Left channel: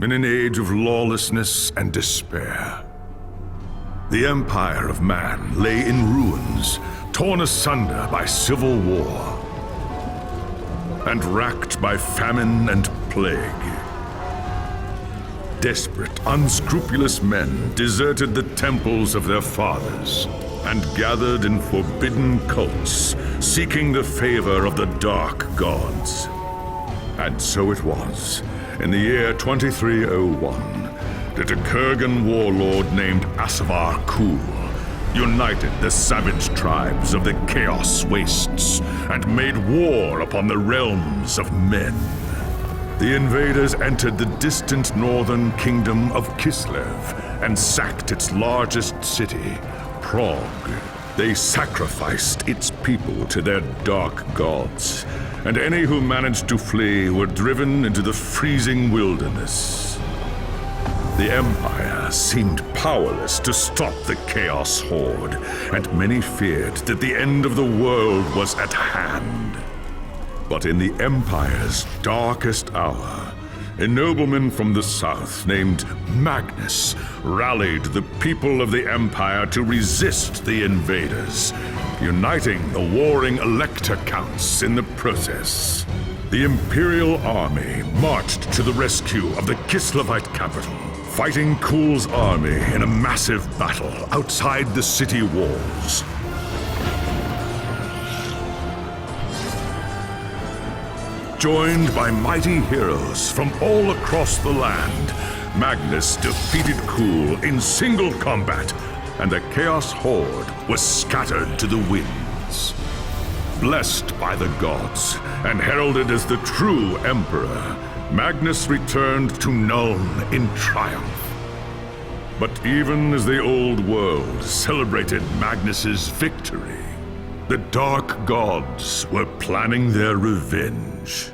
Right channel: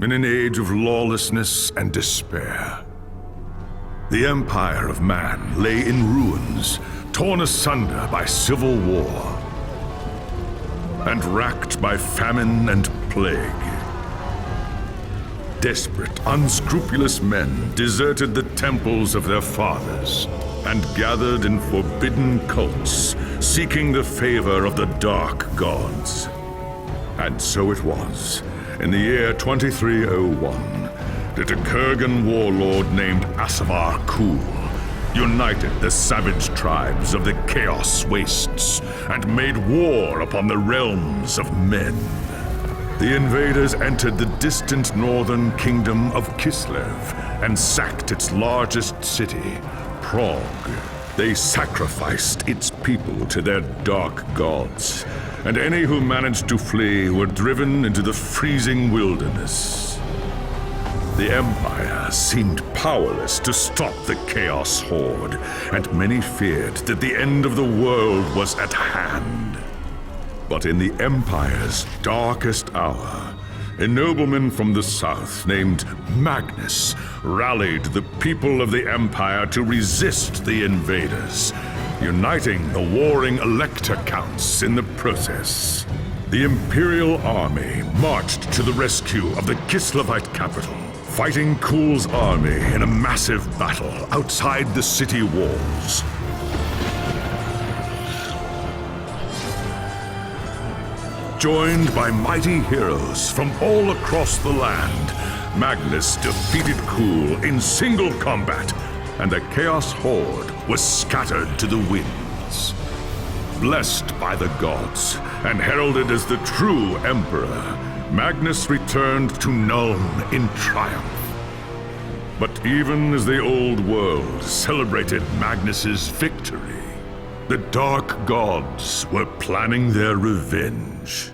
in an age of lawlessness and despair. The empire of man lay in ruins, torn asunder by civil war, and racked by famine and plague. Desperate, unscrupulous men deserted the temples of their fathers and gathered in forbidden cults, seeking the favor of the dark gods. And so it was, in the year 2301, that a Kurgan warlord named Asavar Kul united the savage tribes of the Chaos Wastes and made war upon the realms of men. The invaders entered the distant northern kingdom of Kislev and sacked its largest city, Prague. They sacrificed its people to their dark gods, and any who managed to flee were driven into the freezing wilderness. The Empire seemed powerless to stop the Chaos Horde, and many feared that the end of the world was at hand. But in the Empire's darkest hour, a nobleman from the south named Magnus rallied the people of the Empire to resist the invaders, uniting the warring Elector Counts in the process. The Imperial Army marched to the rescue of the Kislevite capital, fighting Kul's army in a massive battle outside the city walls. Joined by mighty heroes from all across the land, Magnus defeated Kul in single combat, and the Chaos Horde was scattered to the winds. Blessed by the gods and heralded as the true Emperor, Magnus returned to Nuln in triumph. But even as the old world celebrated Magnus's victory, the Dark Gods were planning their revenge.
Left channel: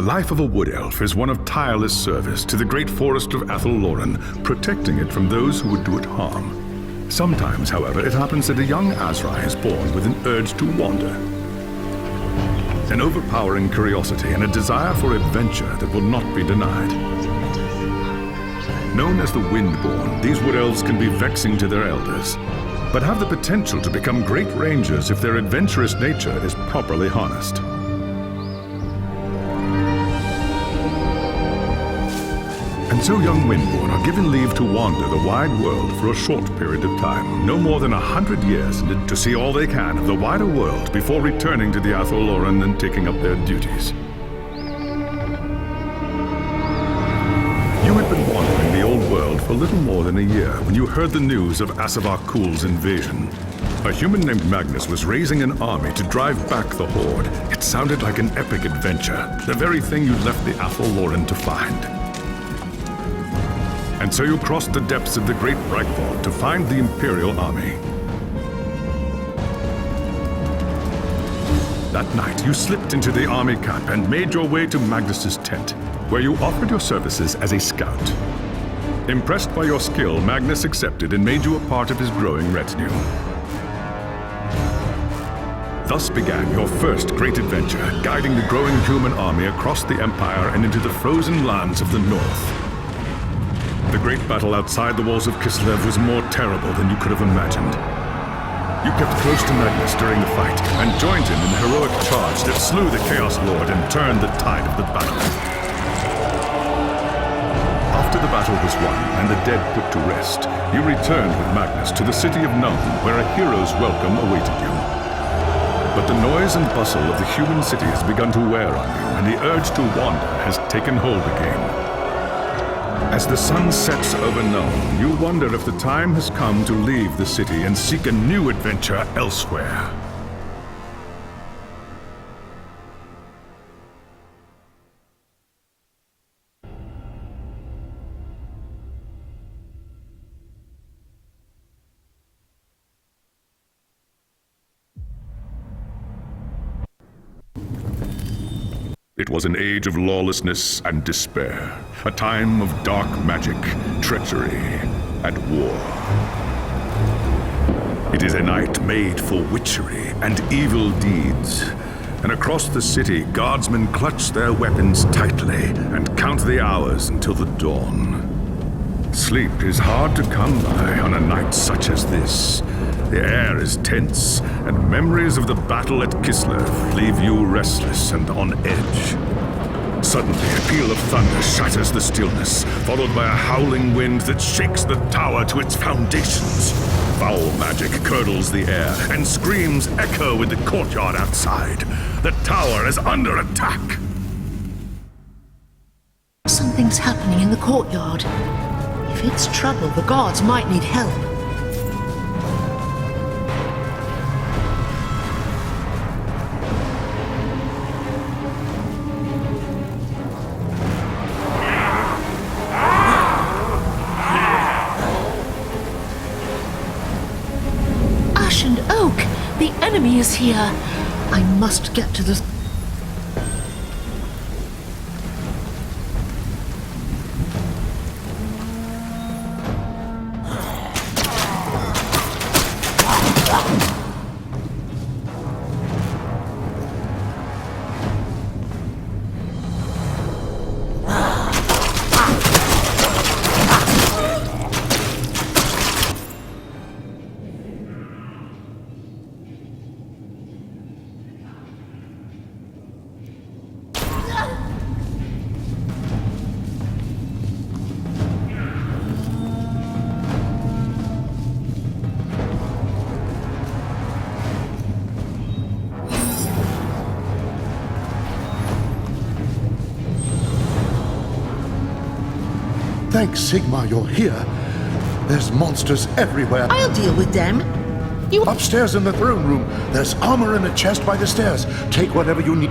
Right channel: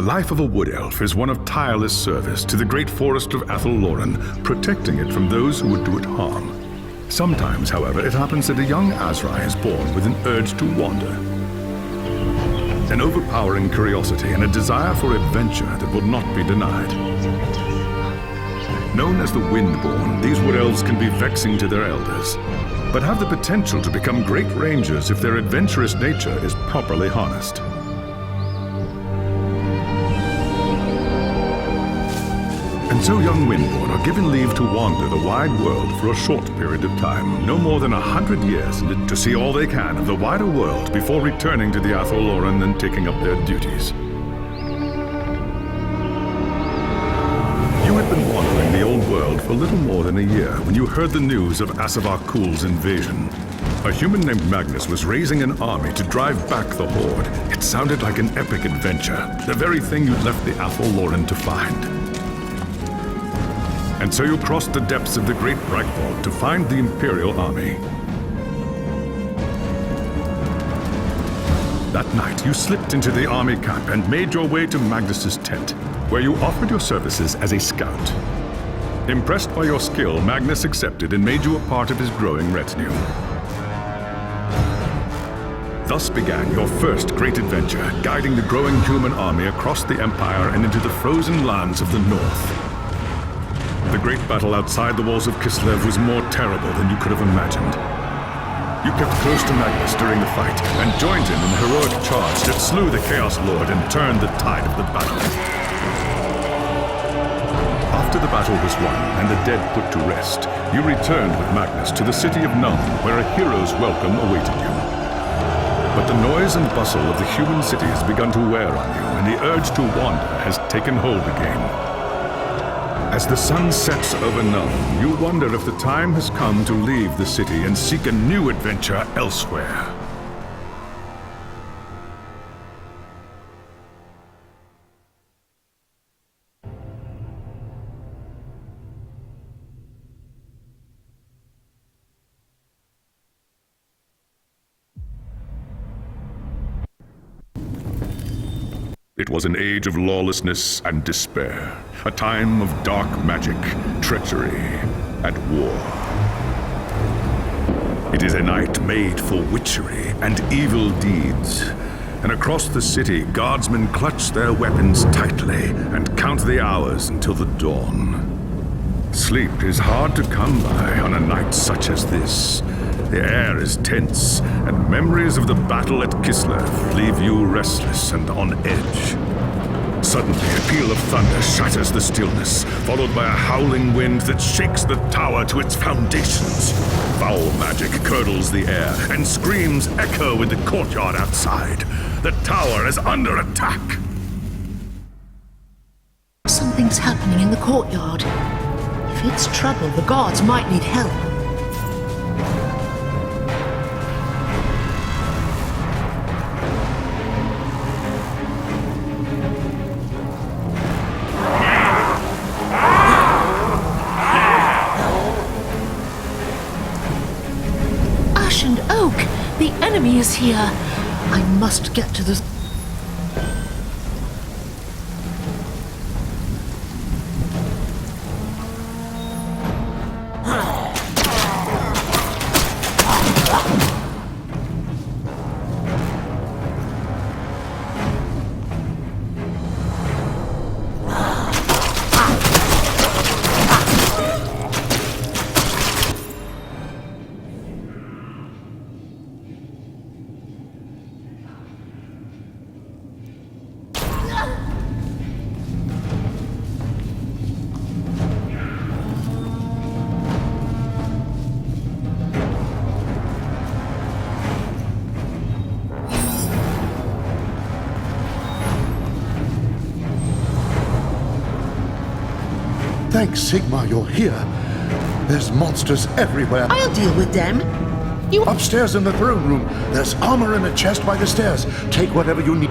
The life of a wood elf is one of tireless service to the great forest of Athelloren, protecting it from those who would do it harm. Sometimes, however, it happens that a young Azrai is born with an urge to wander. An overpowering curiosity and a desire for adventure that will not be denied. Known as the Windborn, these wood elves can be vexing to their elders, but have the potential to become great rangers if their adventurous nature is properly harnessed. And so young Windborn are given leave to wander the wide world for a short period of time, no more than 100 years, to see all they can of the wider world before returning to the Athelloren and taking up their duties. You had been wandering the old world for little more than a year when you heard the news of Asavar Kul's invasion. A human named Magnus was raising an army to drive back the Horde. It sounded like an epic adventure, the very thing you'd left the Athelloren to find. And so you crossed the depths of the Great Breakvault to find the Imperial army. That night, you slipped into the army camp and made your way to Magnus's tent, where you offered your services as a scout. Impressed by your skill, Magnus accepted and made you a part of his growing retinue. Thus began your first great adventure, guiding the growing human army across the Empire and into the frozen lands of the North. The great battle outside the walls of Kislev was more terrible than you could have imagined. You kept close to Magnus during the fight and joined him in the heroic charge that slew the Chaos Lord and turned the tide of the battle. After the battle was won and the dead put to rest, you returned with Magnus to the city of Nuln, where a hero's welcome awaited you. But the noise and bustle of the human city has begun to wear on you, and the urge to wander has taken hold again. As the sun sets over Nuln, you wonder if the time has come to leave the city and seek a new adventure elsewhere. It was an age of lawlessness and despair, a time of dark magic, treachery, and war. It is a night made for witchery and evil deeds, and across the city, guardsmen clutch their weapons tightly and count the hours until the dawn. Sleep is hard to come by on a night such as this. The air is tense, and memories of the battle at Kislev leave you restless and on edge. Suddenly, a peal of thunder shatters the stillness, followed by a howling wind that shakes the tower to its foundations. Foul magic curdles the air, and screams echo in the courtyard outside. The tower is under attack. Something's happening in the courtyard. If it's trouble, the guards might need help. Ash and Oak! The enemy is here! I must get to the... Thanks, Sigmar, you're here. There's monsters everywhere. I'll deal with them. You... Upstairs in the throne room, there's armor in a chest by the stairs. Take whatever you need.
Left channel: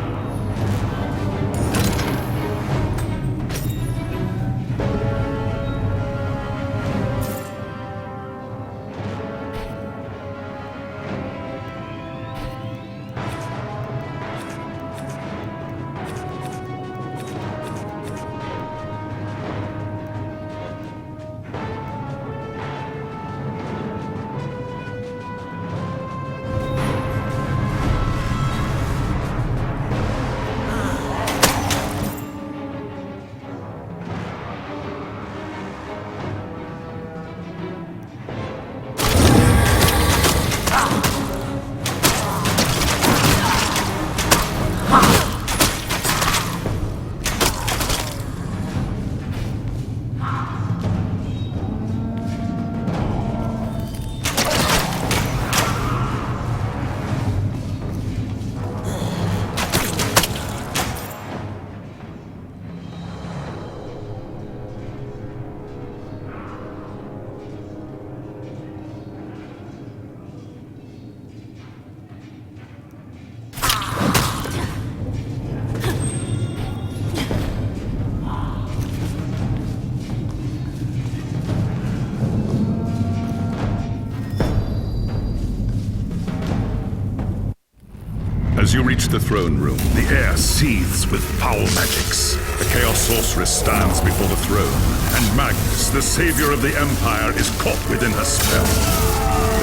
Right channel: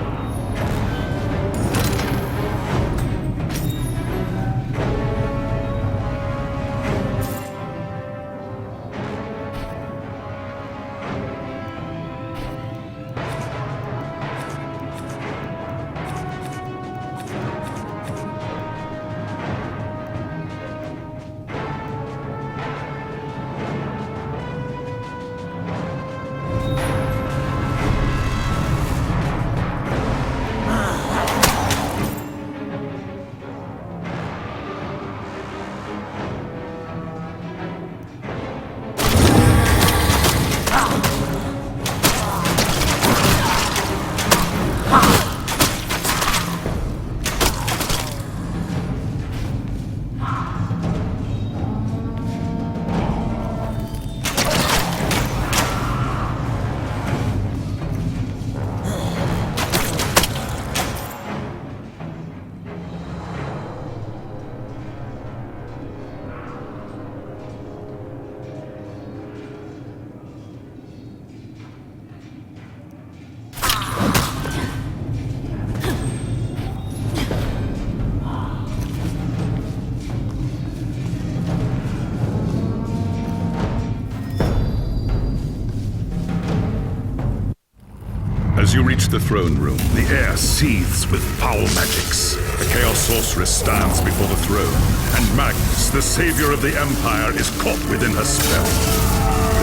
As you reach the throne room, the air seethes with foul magics. The Chaos Sorceress stands before the throne, and Magnus, the savior of the Empire, is caught within her spell.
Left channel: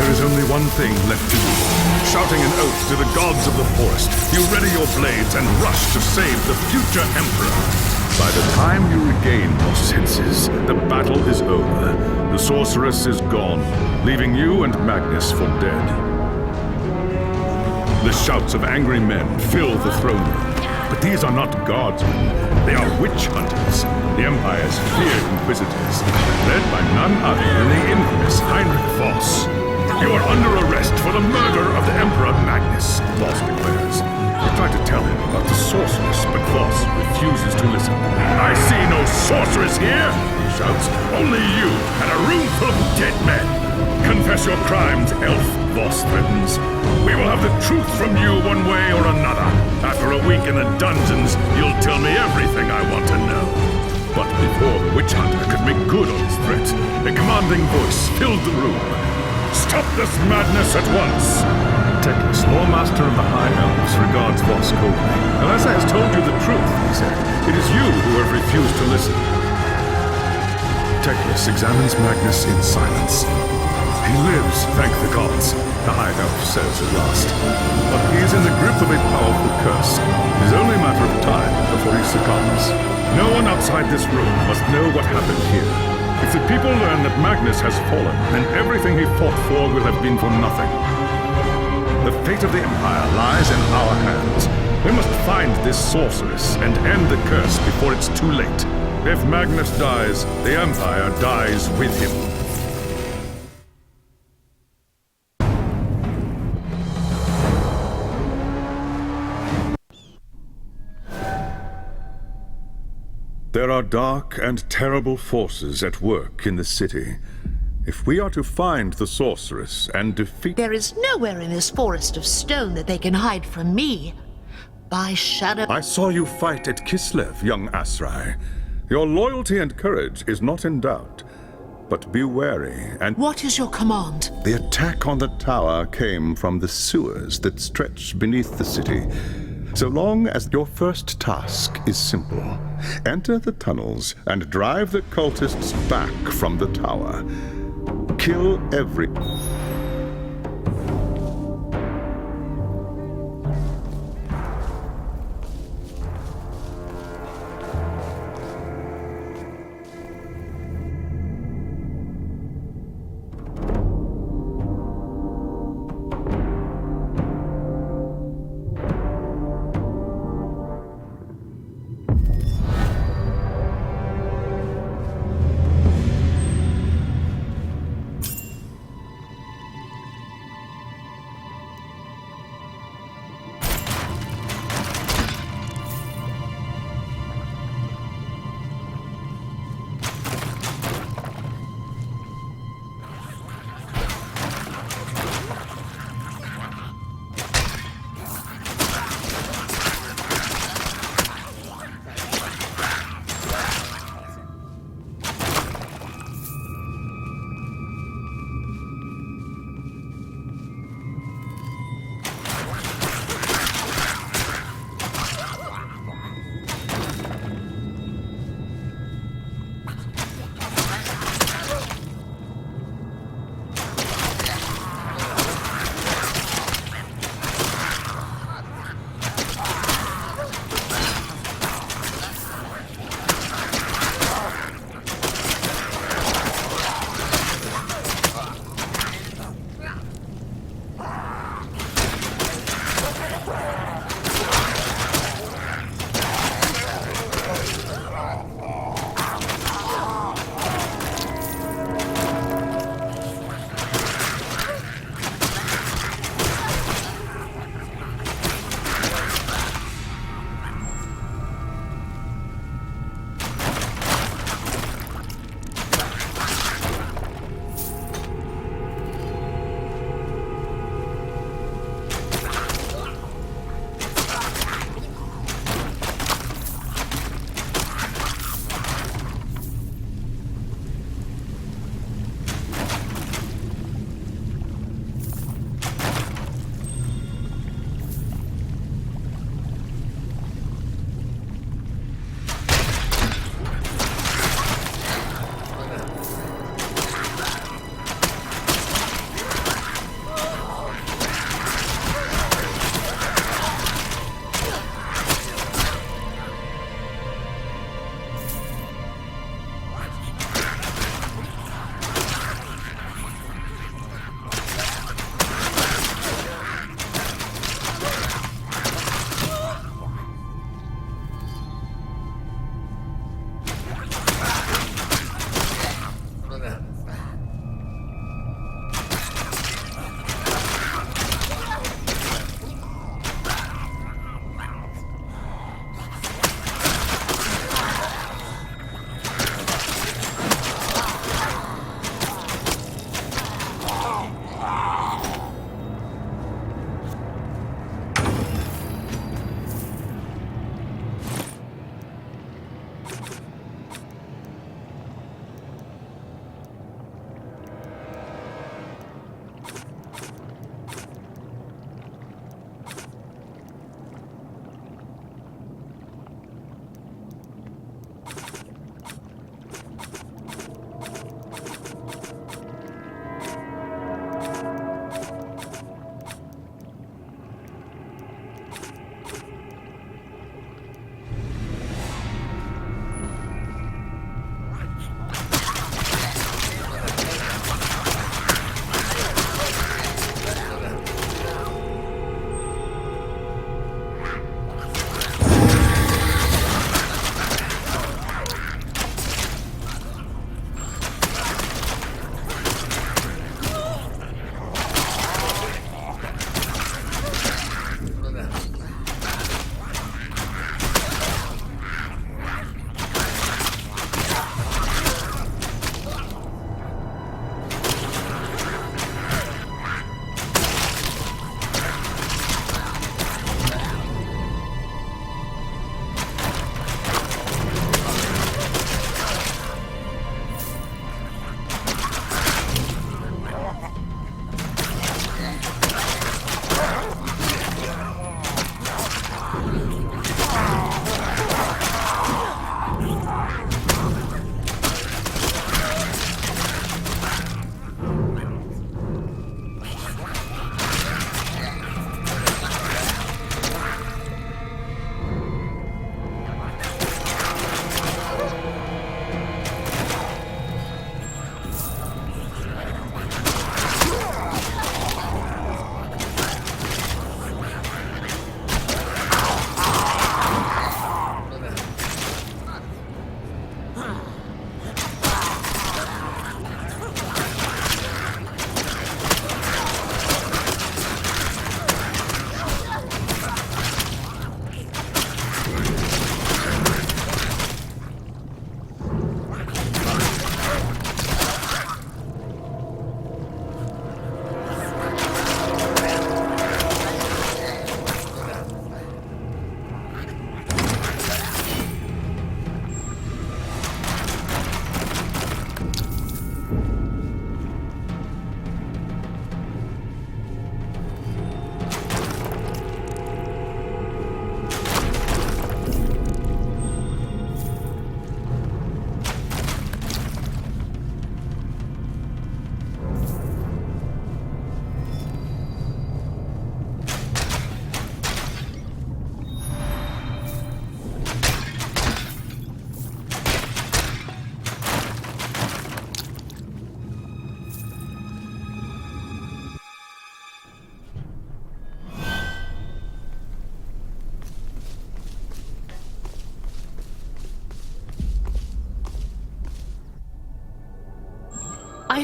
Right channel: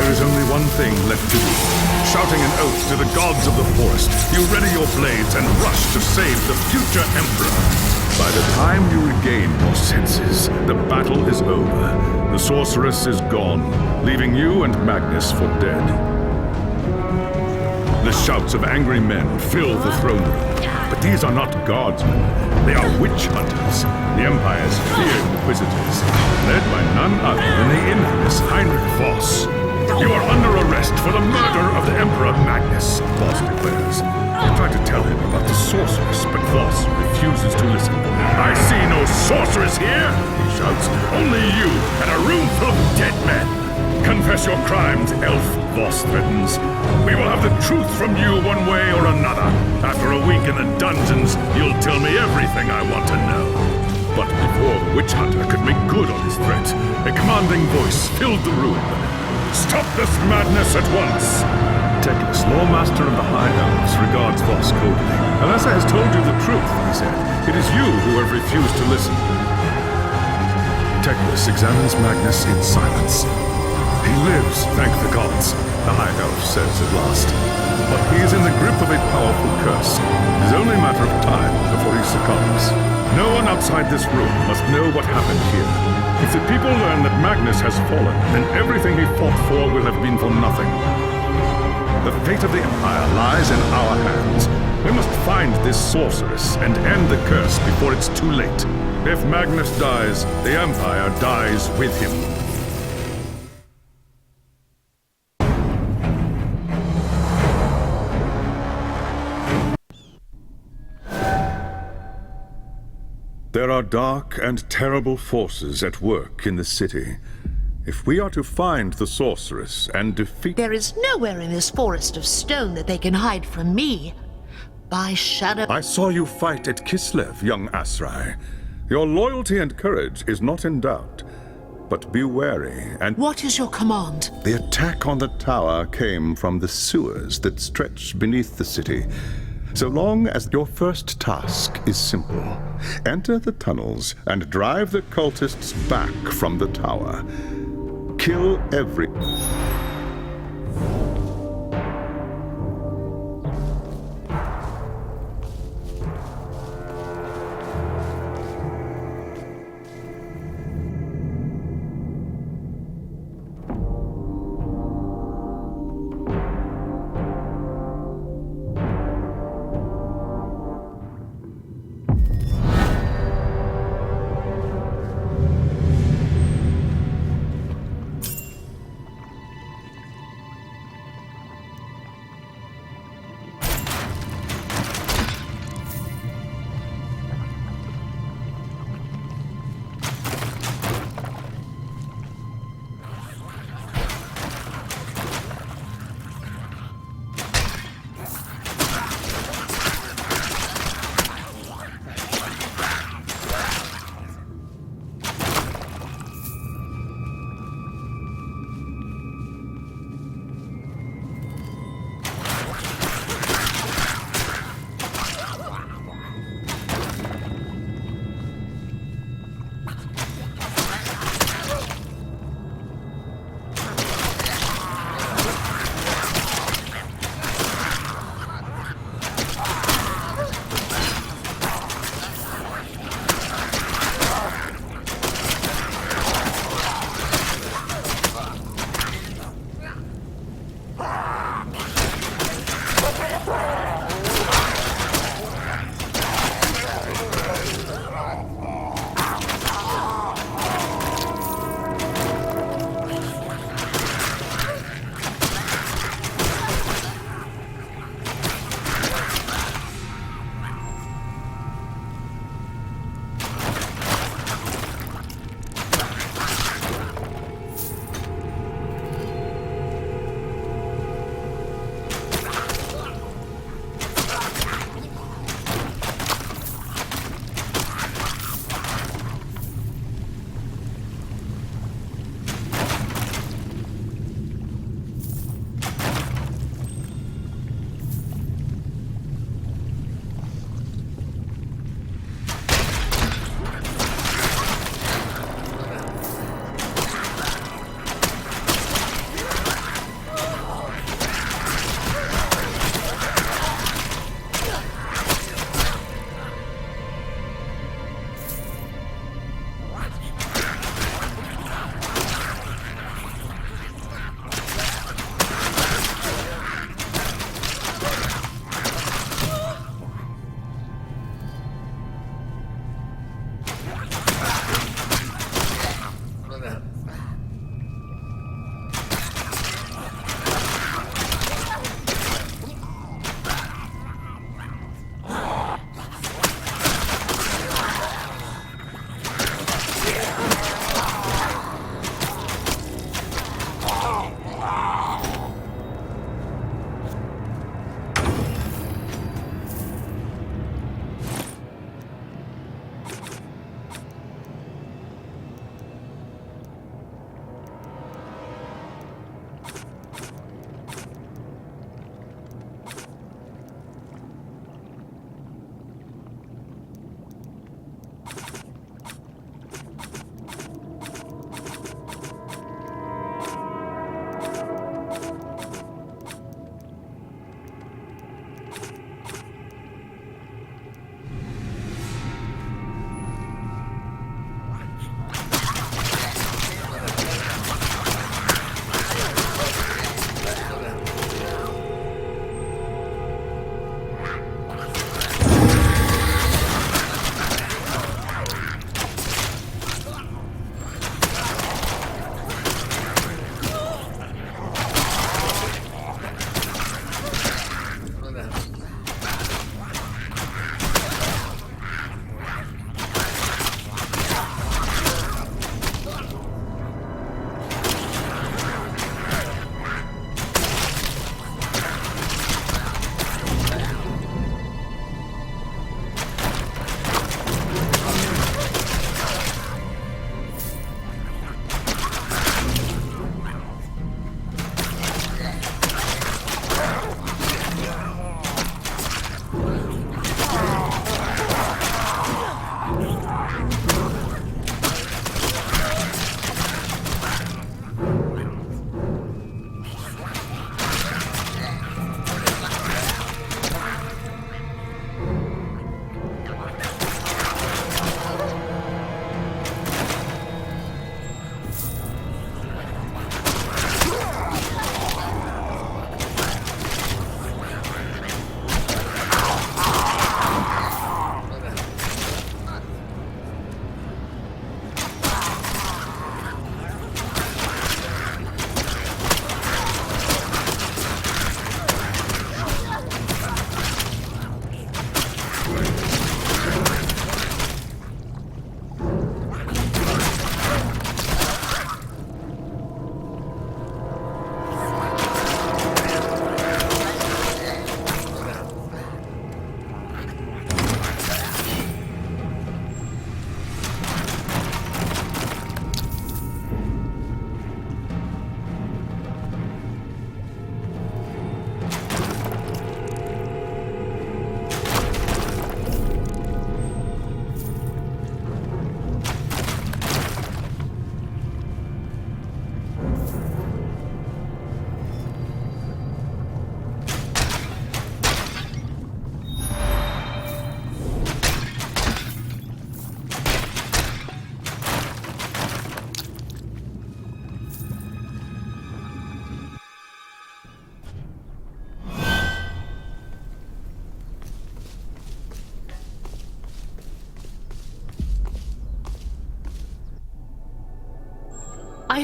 There is only one thing left to do. Shouting an oath to the gods of the forest, you ready your blades and rush to save the future Emperor. By the time you regain your senses, the battle is over. The sorceress is gone, leaving you and Magnus for dead. The shouts of angry men fill the throne room. But these are not guardsmen. They are witch hunters, the Empire's feared inquisitors, led by none other than the infamous Heinrich Voss. You are under arrest for the murder of the Emperor Magnus, Voss declares. You try to tell him about the sorceress, but Voss refuses to listen. I see no sorceress here, he shouts. Only you and a room full of dead men. Confess your crimes, elf, Voss threatens. We will have the truth from you one way or another. After a week in the dungeons, you'll tell me everything I want to know. But before the witch hunter could make good on his threat, a commanding voice filled the room. Stop this madness at once! Teclis, Lawmaster of the High Elves, regards Voss coldly. Elessa has told you the truth, he said. It is you who have refused to listen. Teclis examines Magnus in silence. He lives, thank the gods, the High Elf says at last. But he is in the grip of a powerful curse. It is only a matter of time before he succumbs. No one outside this room must know what happened here. If the people learn that Magnus has fallen, then everything he fought for will have been for nothing. The fate of the Empire lies in our hands. We must find this sorceress and end the curse before it's too late. If Magnus dies, the Empire dies with him. There are dark and terrible forces at work in the city. If we are to find the sorceress and defeat... There is nowhere in this forest of stone that they can hide from me. By shadow... I saw you fight at Kislev, young Asrai. Your loyalty and courage is not in doubt. But be wary and... What is your command? The attack on the tower came from the sewers that stretch beneath the city. So long as your first task is simple, enter the tunnels and drive the cultists back from the tower. Kill every...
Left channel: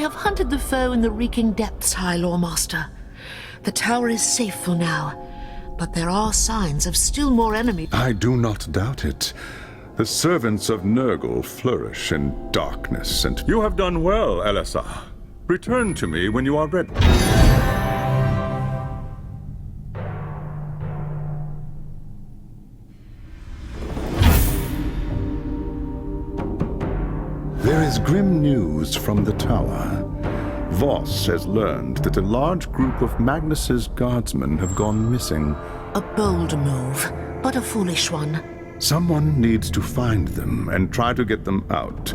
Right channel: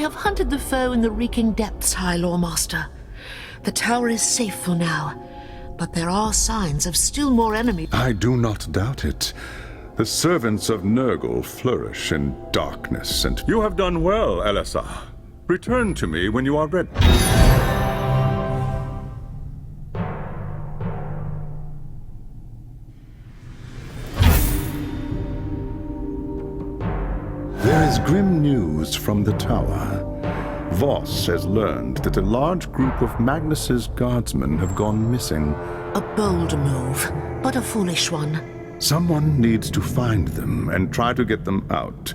have hunted the foe in the reeking depths, High Lawmaster. The tower is safe for now, but there are signs of still more enemy. I do not doubt it. The servants of Nurgle flourish in darkness, and you have done well, Elessa. Return to me when you are ready. There is grim news from the tower. Voss has learned that a large group of Magnus's guardsmen have gone missing. A bold move, but a foolish one. Someone needs to find them and try to get them out.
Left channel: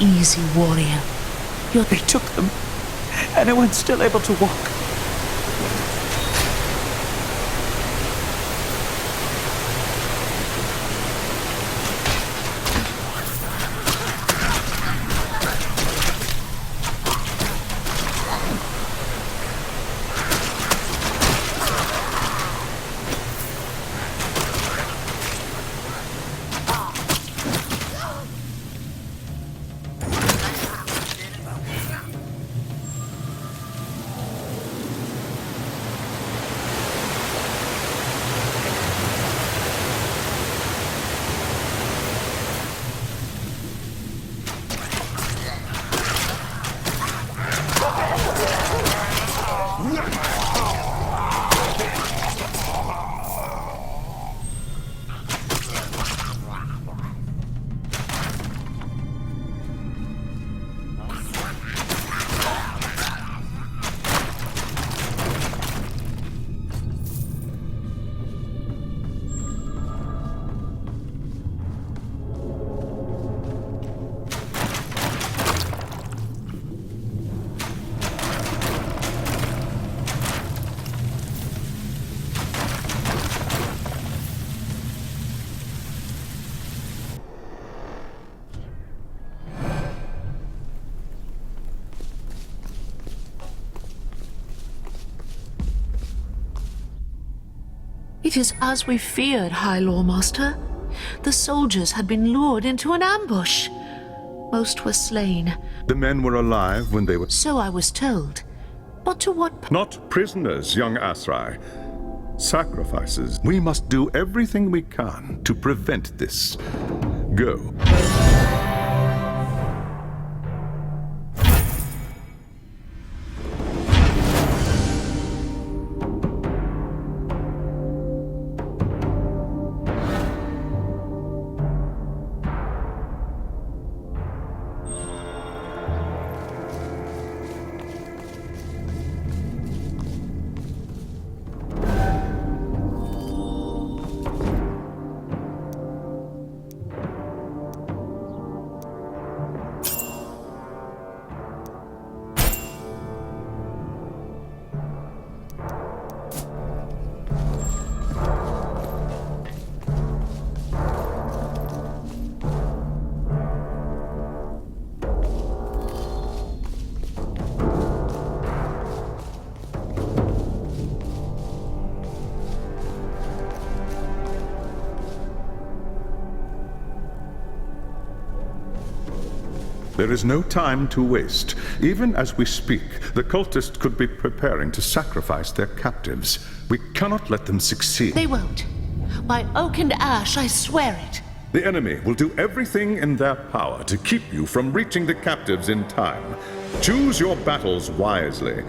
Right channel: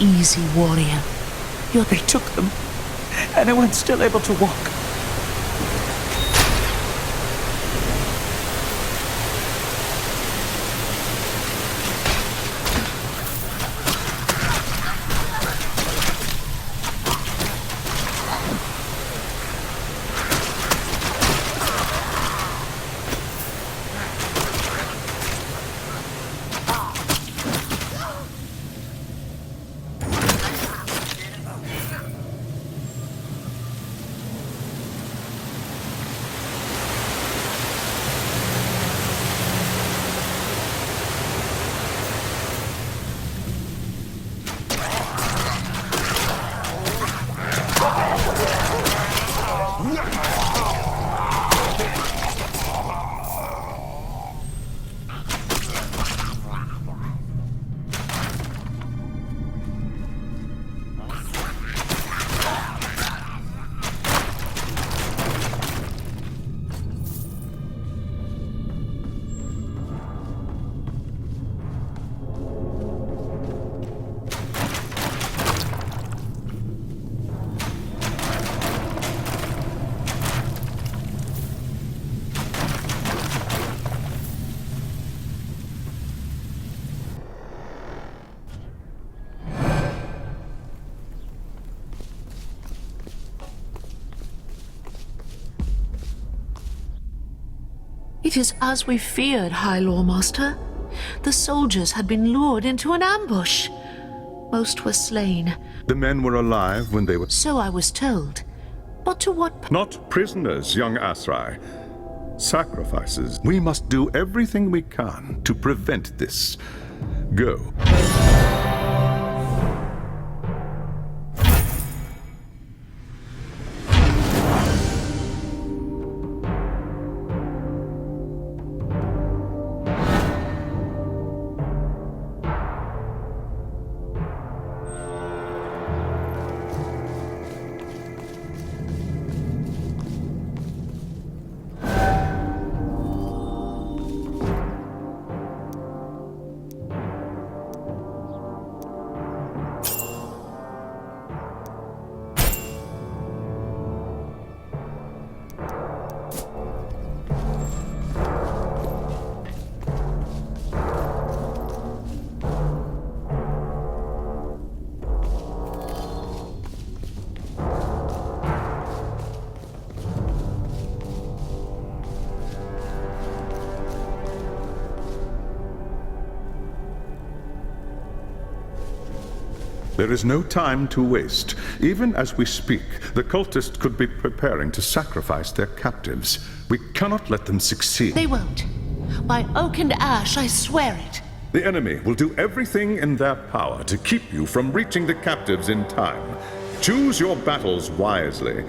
easy, warrior. They took them. Anyone's still able to walk. It is as we feared, High Lawmaster. The soldiers had been lured into an ambush. Most were slain. The men were alive when they were... So I was told. But to what... Not prisoners, young Asrai. Sacrifices. We must do everything we can to prevent this. Go. There is no time to waste. Even as we speak, the cultists could be preparing to sacrifice their captives. We cannot let them succeed. They won't. By oak and ash, I swear it. The enemy will do everything in their power to keep you from reaching the captives in time. Choose your battles wisely.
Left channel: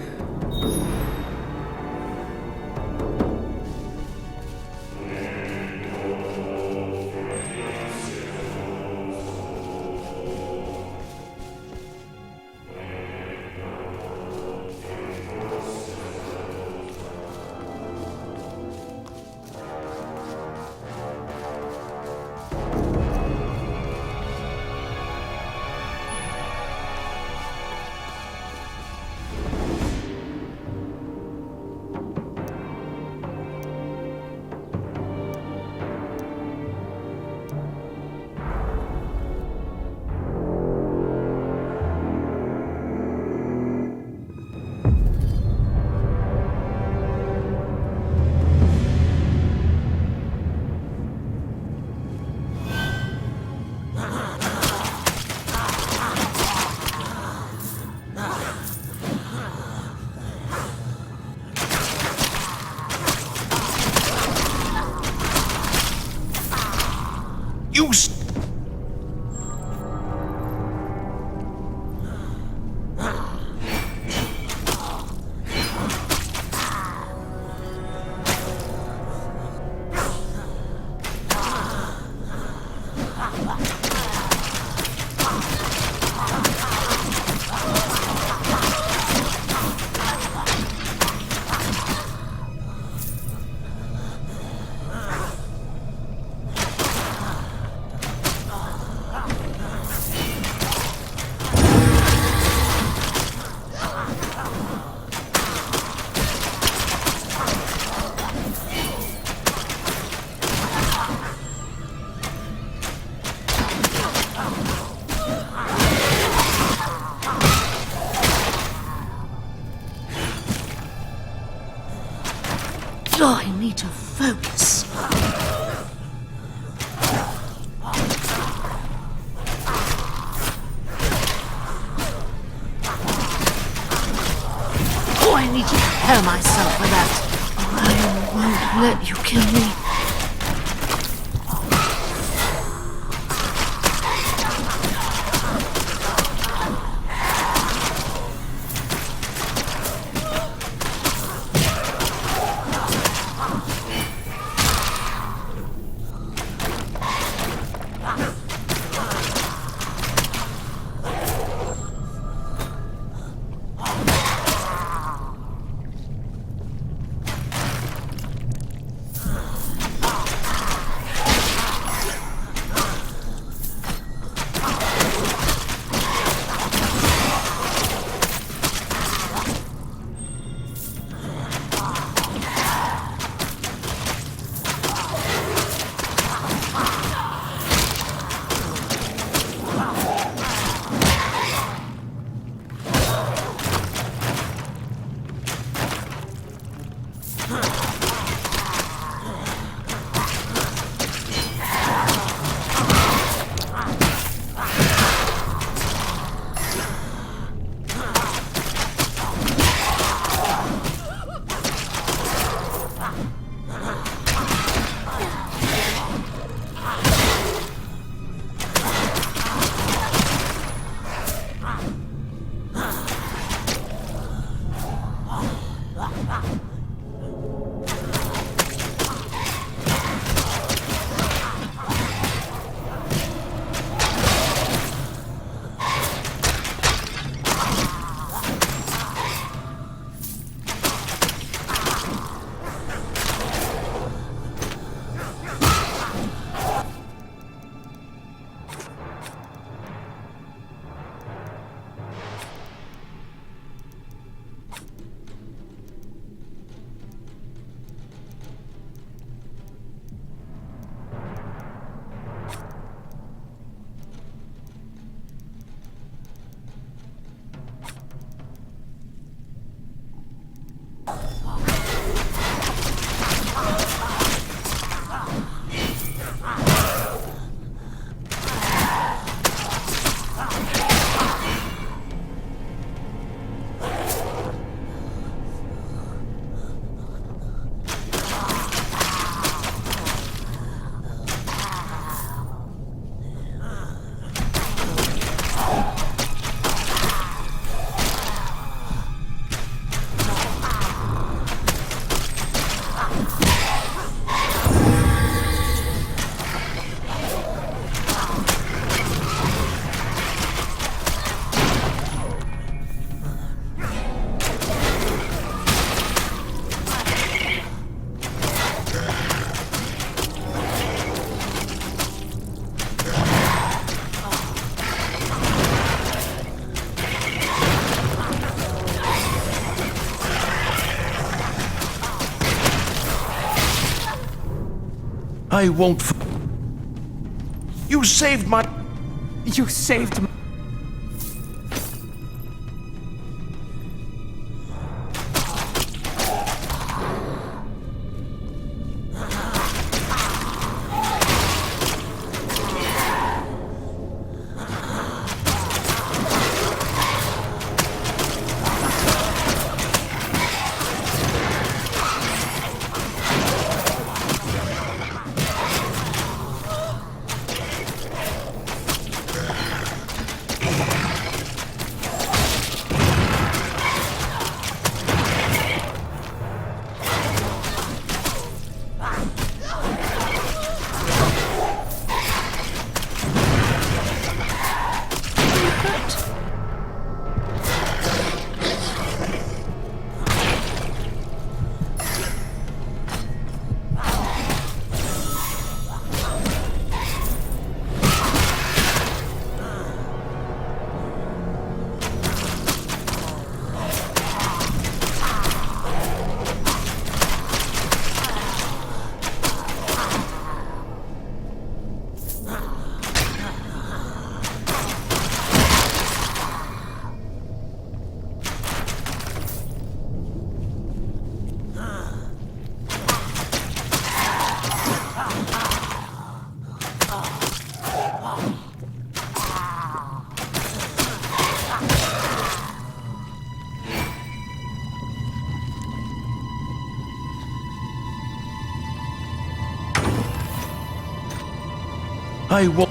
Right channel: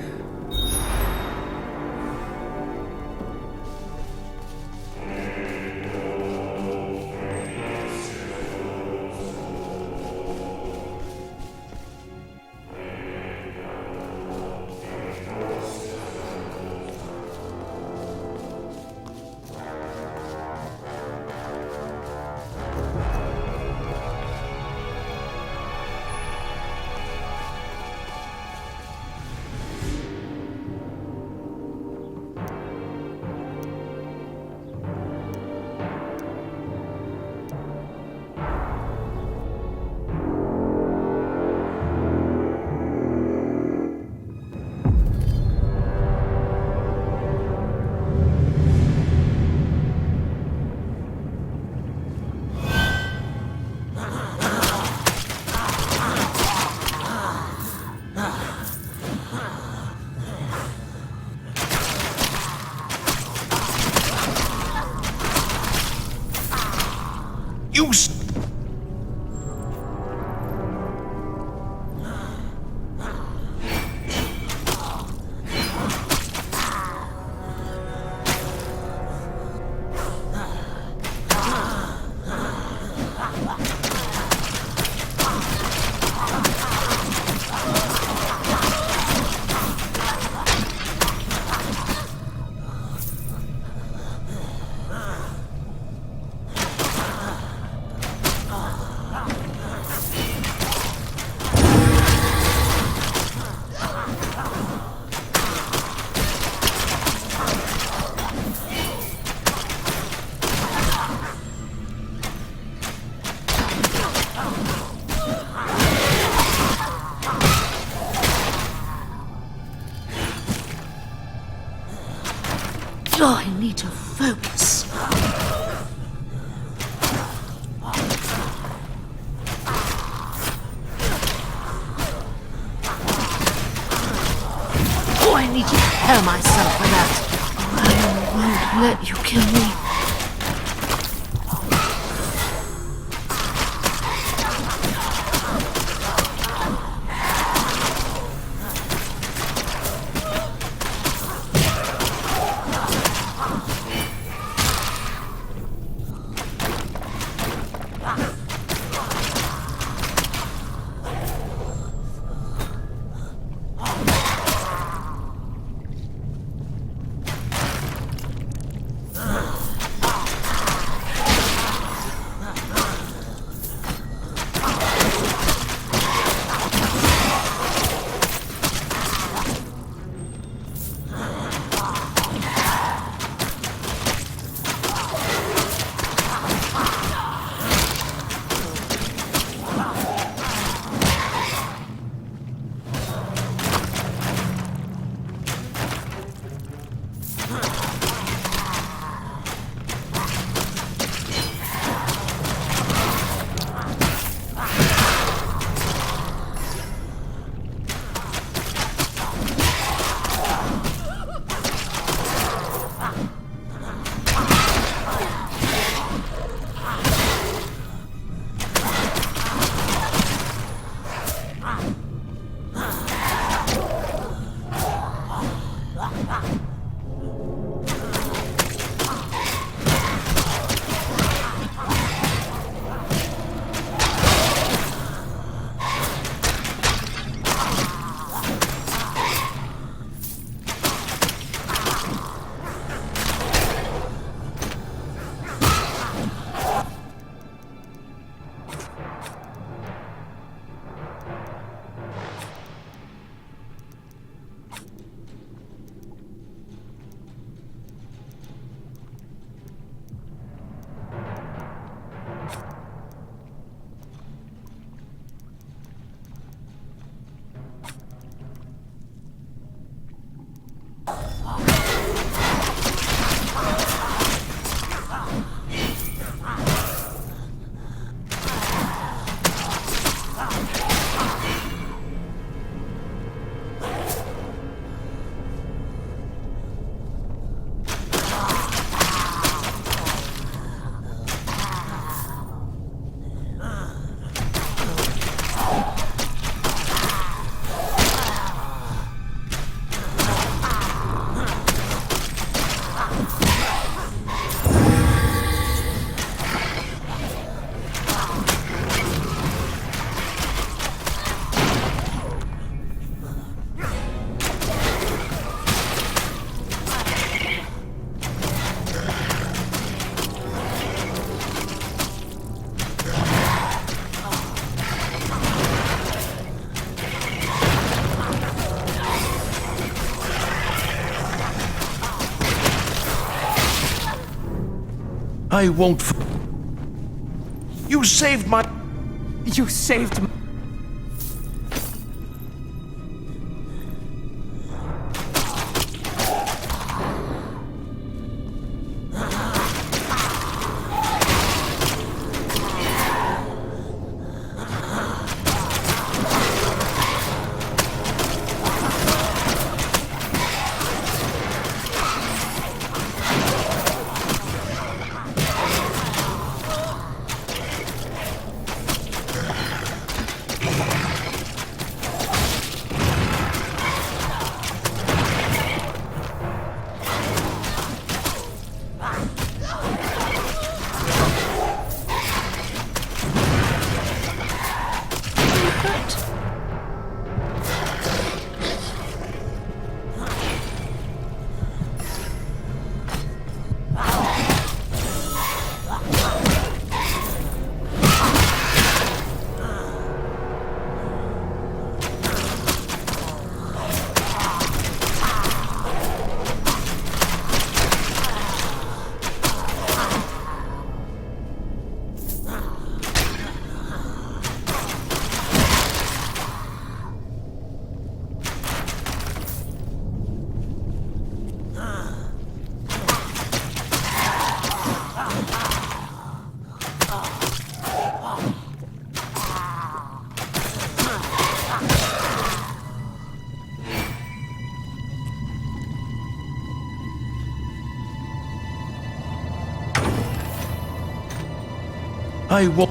Oh, I need to focus. Oh, I need to prepare myself for that. I won't let you kill me. I won't. You saved my. You saved me. I won't.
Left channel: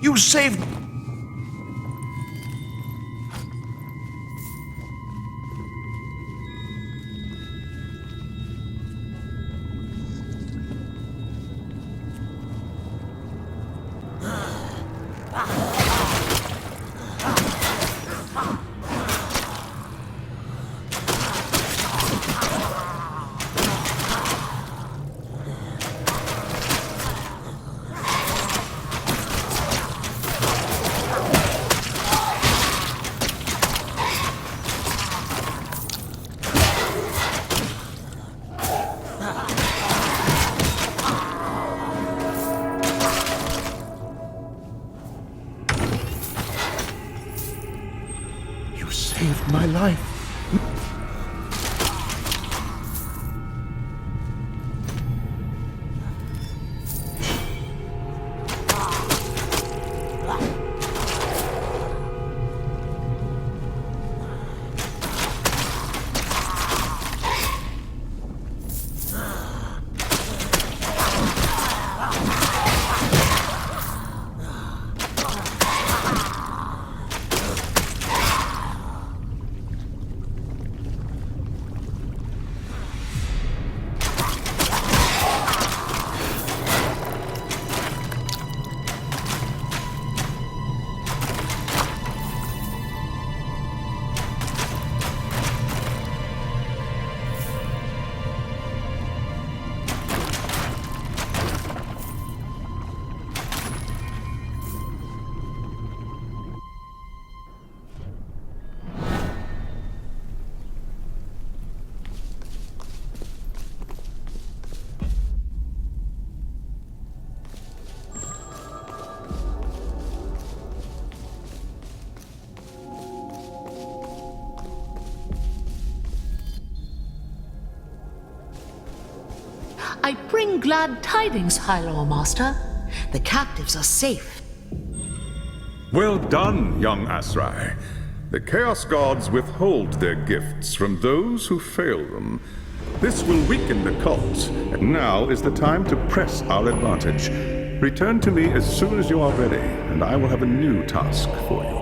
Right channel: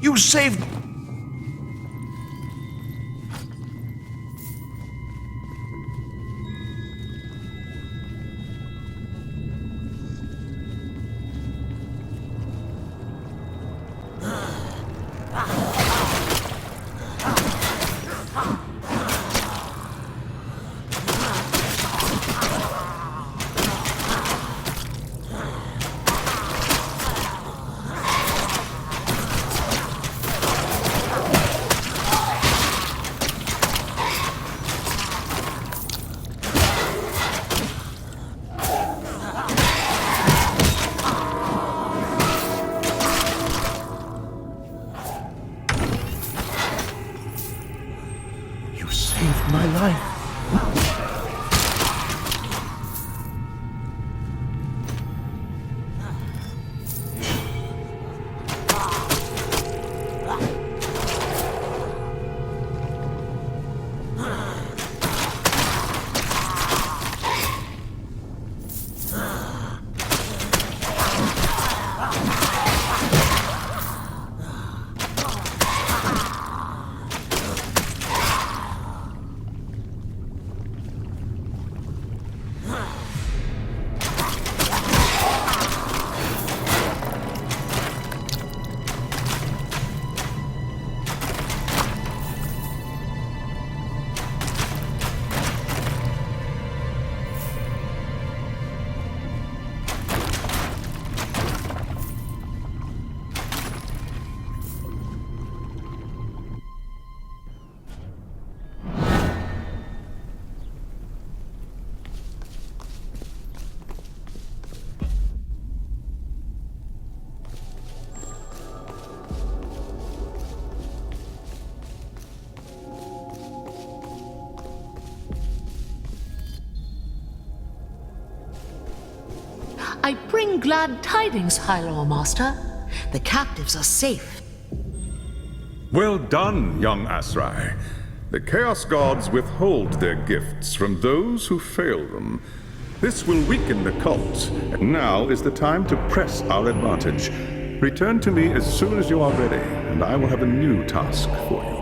You saved. You saved my life. I bring glad tidings, High Lord Master. The captives are safe. Well done, young Asrai. The Chaos Gods withhold their gifts from those who fail them. This will weaken the cult. Now is the time to press our advantage. Return to me as soon as you are ready, and I will have a new task for you.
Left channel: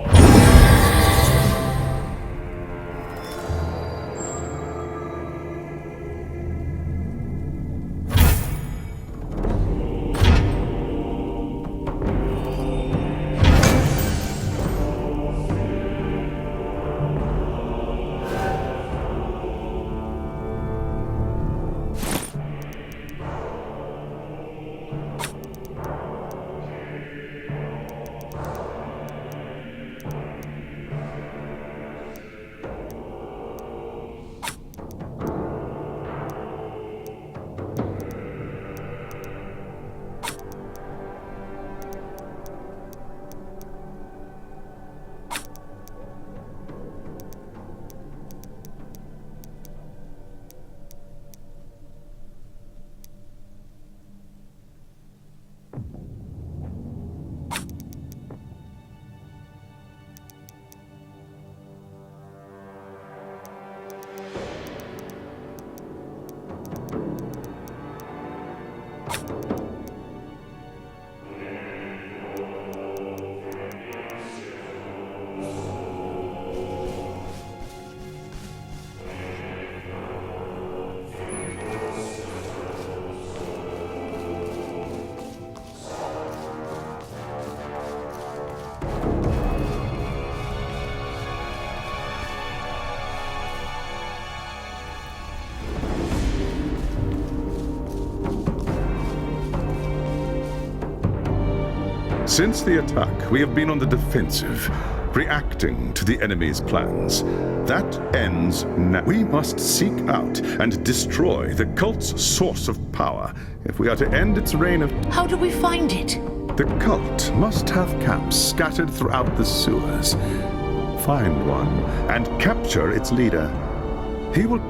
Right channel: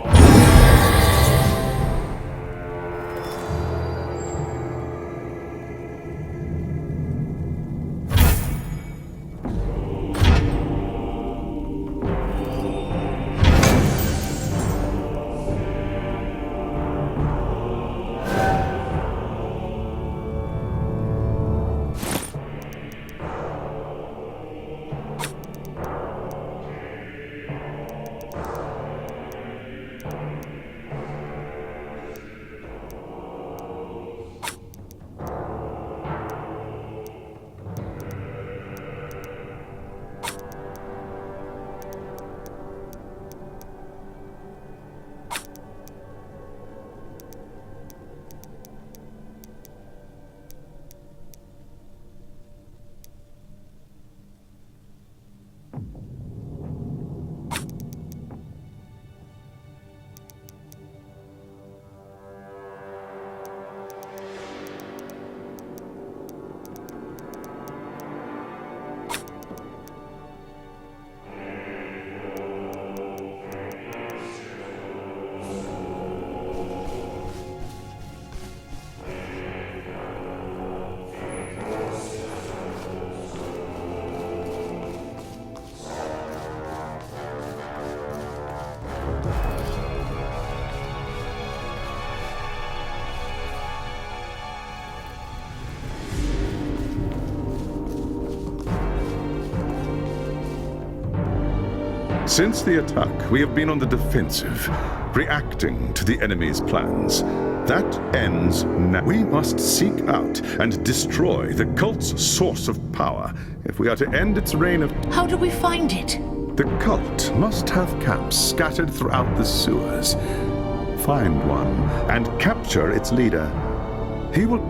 Since the attack, we have been on the defensive, reacting to the enemy's plans. That ends now. We must seek out and destroy the cult's source of power if we are to end its reign of... How do we find it? The cult must have camps scattered throughout the sewers. find one and capture its leader. He will...